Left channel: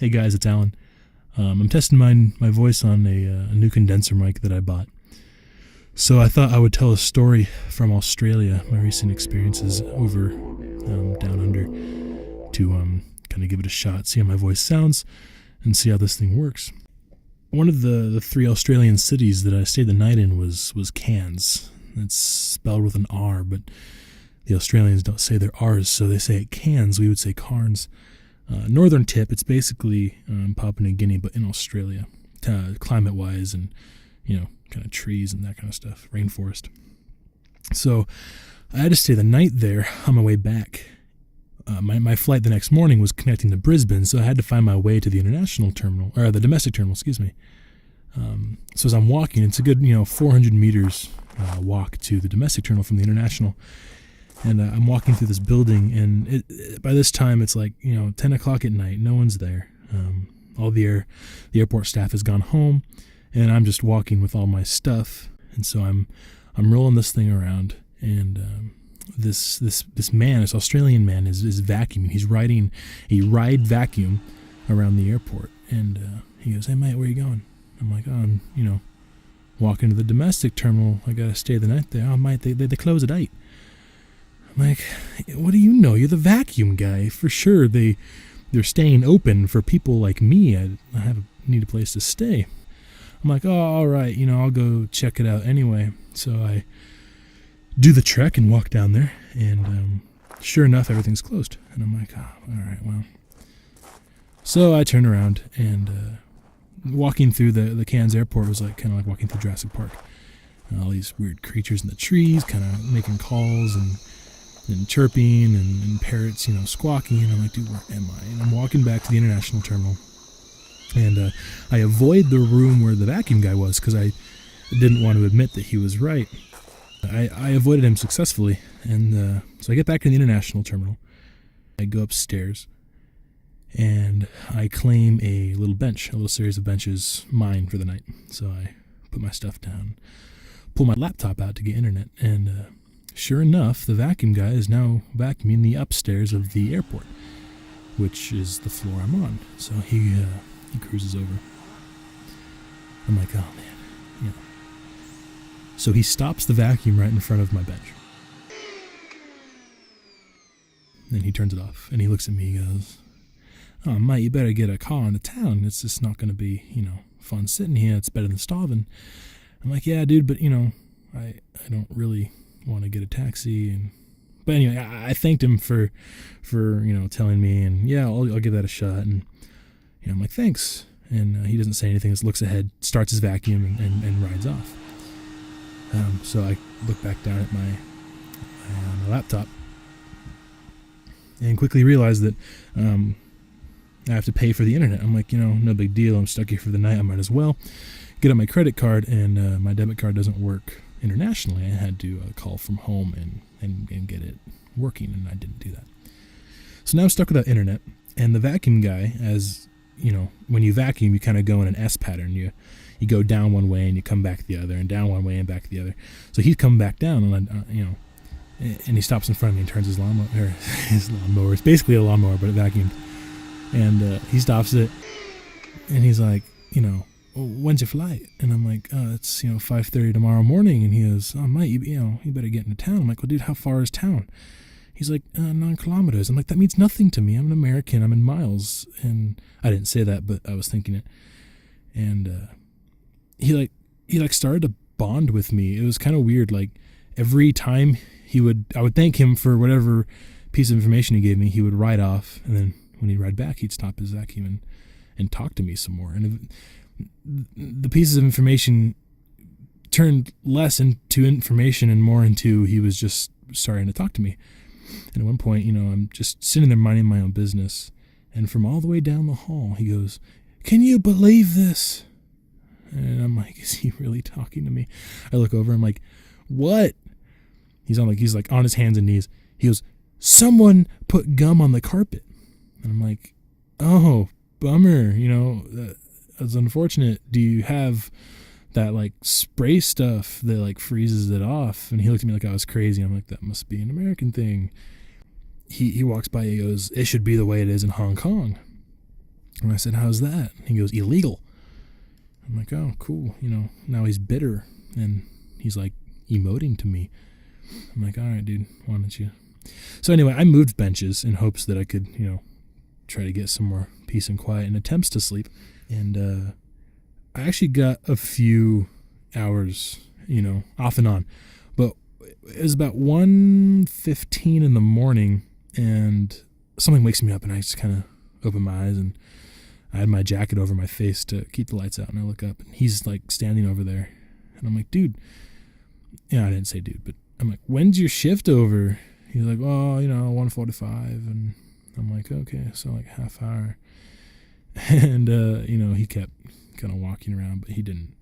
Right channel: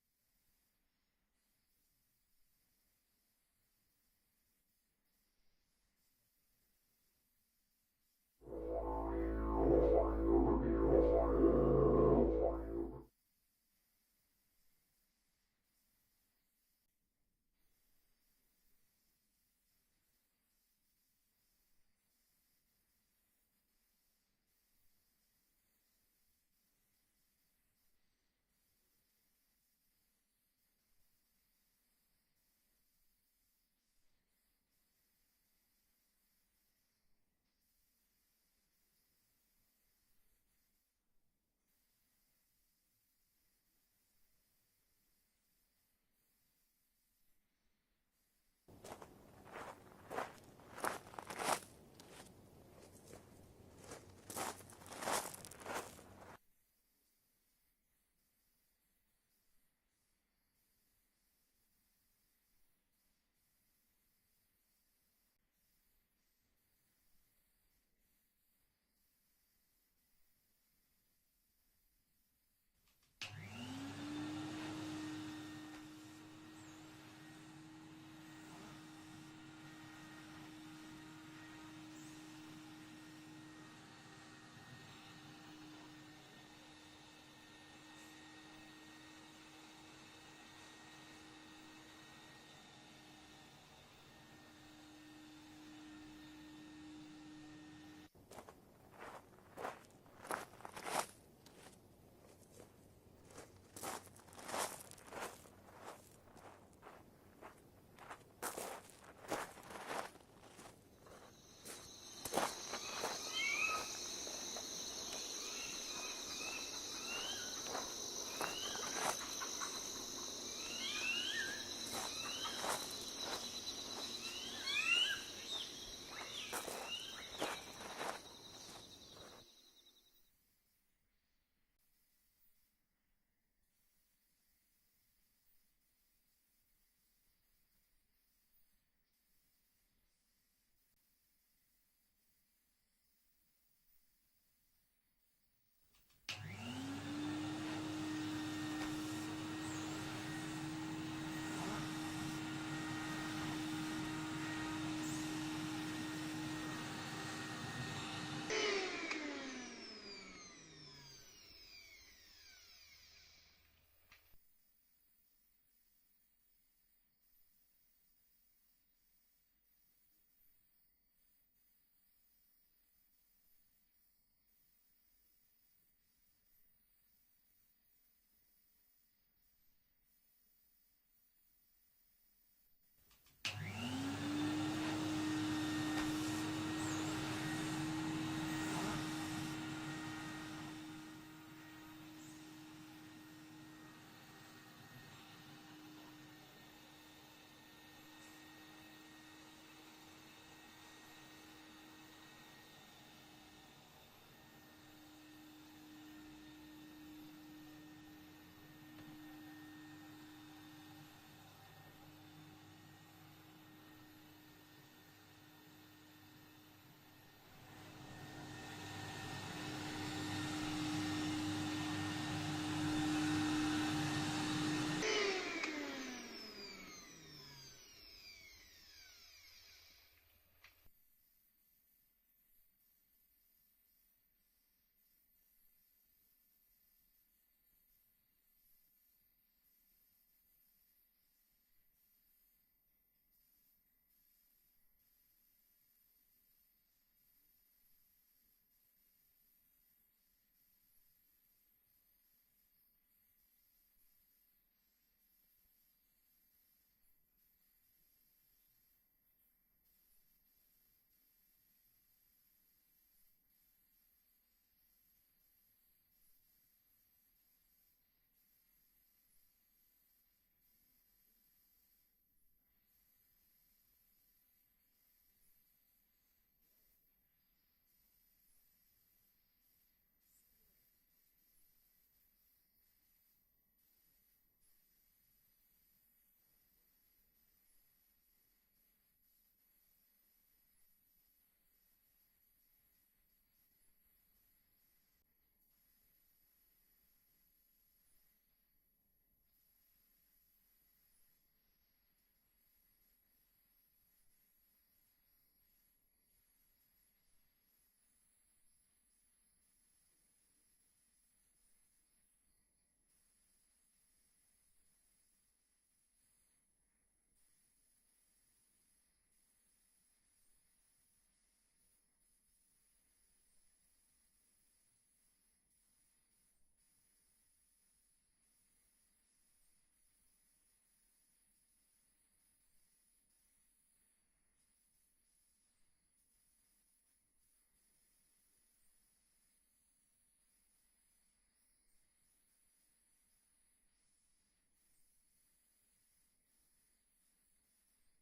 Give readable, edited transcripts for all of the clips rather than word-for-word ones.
Hey guys, it's Alan. I'm testing my voice on a new condenser mic that I bought. So I thought I would tell a story from Australia, my recent experiences over down under, to kind of give it a shot, see how my voice sounds, and see how this thing works. One of the three Australian cities that I stayed the night in was Cairns. It's spelled with an R, but the Australians don't say their R's, so they say it Cairns. We would say Cairns. Northern tip, it's basically Papua New Guinea, but in Australia, climate-wise and, kind of trees and that kind of stuff, rainforest. So I had to stay the night there on my way back. My flight the next morning was connecting to Brisbane, so I had to find my way to the international terminal, or the domestic terminal, excuse me. So as I'm walking, it's a good, 400 meters walk to the domestic terminal from the international. And I'm walking through this building, and by this time it's like 10 o'clock at night. No one's there. All the airport staff has gone home, and I'm just walking with all my stuff. And so I'm rolling this thing around, and this man, this Australian man, is vacuuming. He's riding a ride vacuum around the airport, and he goes, "Hey mate, where are you going?" I'm like, "Oh, I'm walking to the domestic terminal. I gotta stay the night there." "Oh mate, they close at 8. I'm like, "What do you know? You're the vacuum guy. For sure they're staying open for people like me. I need a place to stay." I'm like, "Oh, all right, I'll go check it out anyway." So I do the trek and walk down there, and sure enough, everything's closed. And I'm like, "Oh, all right, well." So I turn around, and walking through the Cairns airport was kind of like walking through Jurassic Park. All these weird creatures in the trees kind of making calls and chirping and parrots, squawking. And I'm like, "Dude, where am I?" And I'm walking back to the international terminal, and I avoid the room where the vacuum guy was because I didn't want to admit that he was right. I avoided him successfully, and so I get back to the international terminal. I go upstairs, and I claim a little series of benches, mine for the night. So I put my stuff down, pull my laptop out to get internet, and sure enough, the vacuum guy is now vacuuming the upstairs of the airport, which is the floor I'm on. So he cruises over. I'm like, "Oh man." So he stops the vacuum right in front of my bench. Then he turns it off, and he looks at me. He goes, "Oh mate, you better get a car into town. It's just not going to be, fun sitting here. It's better than starving." I'm like, "Yeah, dude, but I don't really want to get a taxi." But anyway, I thanked him for telling me, and yeah, I'll give that a shot. And I'm like, "Thanks." And he doesn't say anything. Just looks ahead, starts his vacuum, and rides off. So I look back down at my laptop and quickly realize that I have to pay for the internet. I'm like, no big deal. I'm stuck here for the night. I might as well get on my credit card, and my debit card doesn't work internationally. I had to call from home and get it working, and I didn't do that. So now I'm stuck without internet, and the vacuum guy, as when you vacuum, you kind of go in an S pattern. You go down one way and you come back the other, and down one way and back the other. So he's come back down, and and he stops in front of me and turns his lawnmower. It's basically a lawnmower, but a vacuum. And he stops it, and he's like, "When's your flight?" And I'm like, "Oh, it's 5:30 tomorrow morning." And he goes, "Oh mate, you better get into town." I'm like, "Well, dude, how far is town?" He's like, 9 kilometers. I'm like, "That means nothing to me. I'm an American. I'm in miles." And I didn't say that, but I was thinking it. And he started to bond with me. It was kind of weird. Like every time I would thank him for whatever piece of information he gave me, he would ride off, and then when he'd ride back, he'd stop his vacuum and talk to me some more. And the pieces of information turned less into information and more into he was just starting to talk to me. And at one point, I'm just sitting there minding my own business, and from all the way down the hall, he goes, "Can you believe this?" And I'm like, "Is he really talking to me?" I look over, I'm like, "What?" He's like on his hands and knees. He goes, "Someone put gum on the carpet." And I'm like, "Oh, bummer. That's unfortunate. Do you have that spray stuff that freezes it off?" And he looked at me like I was crazy. I'm like, "That must be an American thing." He walks by, he goes, "It should be the way it is in Hong Kong." And I said, how's that? He goes, illegal. I'm like, oh, cool. Now he's bitter. And he's like emoting to me. I'm like, all right, dude, why don't you? So anyway, I moved benches in hopes that I could, try to get some more peace and quiet and attempts to sleep. And I actually got a few hours, off and on. But it was about 1:15 in the morning, and something wakes me up, and I just kind of open my eyes, and I had my jacket over my face to keep the lights out, and I look up, and he's like standing over there, and I'm like, dude. I didn't say dude, but I'm like, when's your shift over? He's like, oh, 1:45, and I'm like, okay, so like half hour. And he kept kind of walking around, but he didn't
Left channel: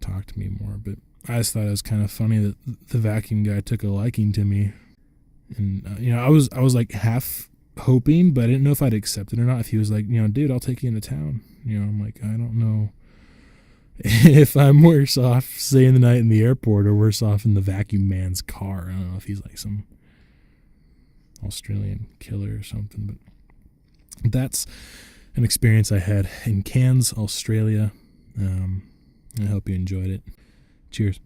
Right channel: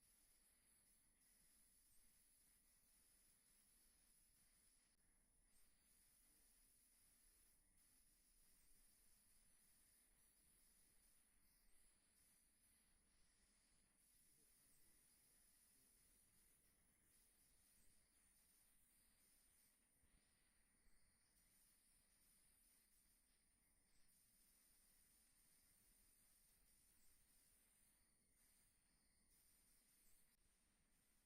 talk to me more. But I just thought it was kind of funny that the vacuum guy took a liking to me, and I was like half hoping, but I didn't know if I'd accept it or not. If he was like, dude, I'll take you into town. I'm like, I don't know if I'm worse off staying the night in the airport or worse off in the vacuum man's car. I don't know if he's like some Australian killer or something, but that's an experience I had in Cairns, Australia. I hope you enjoyed it. Cheers.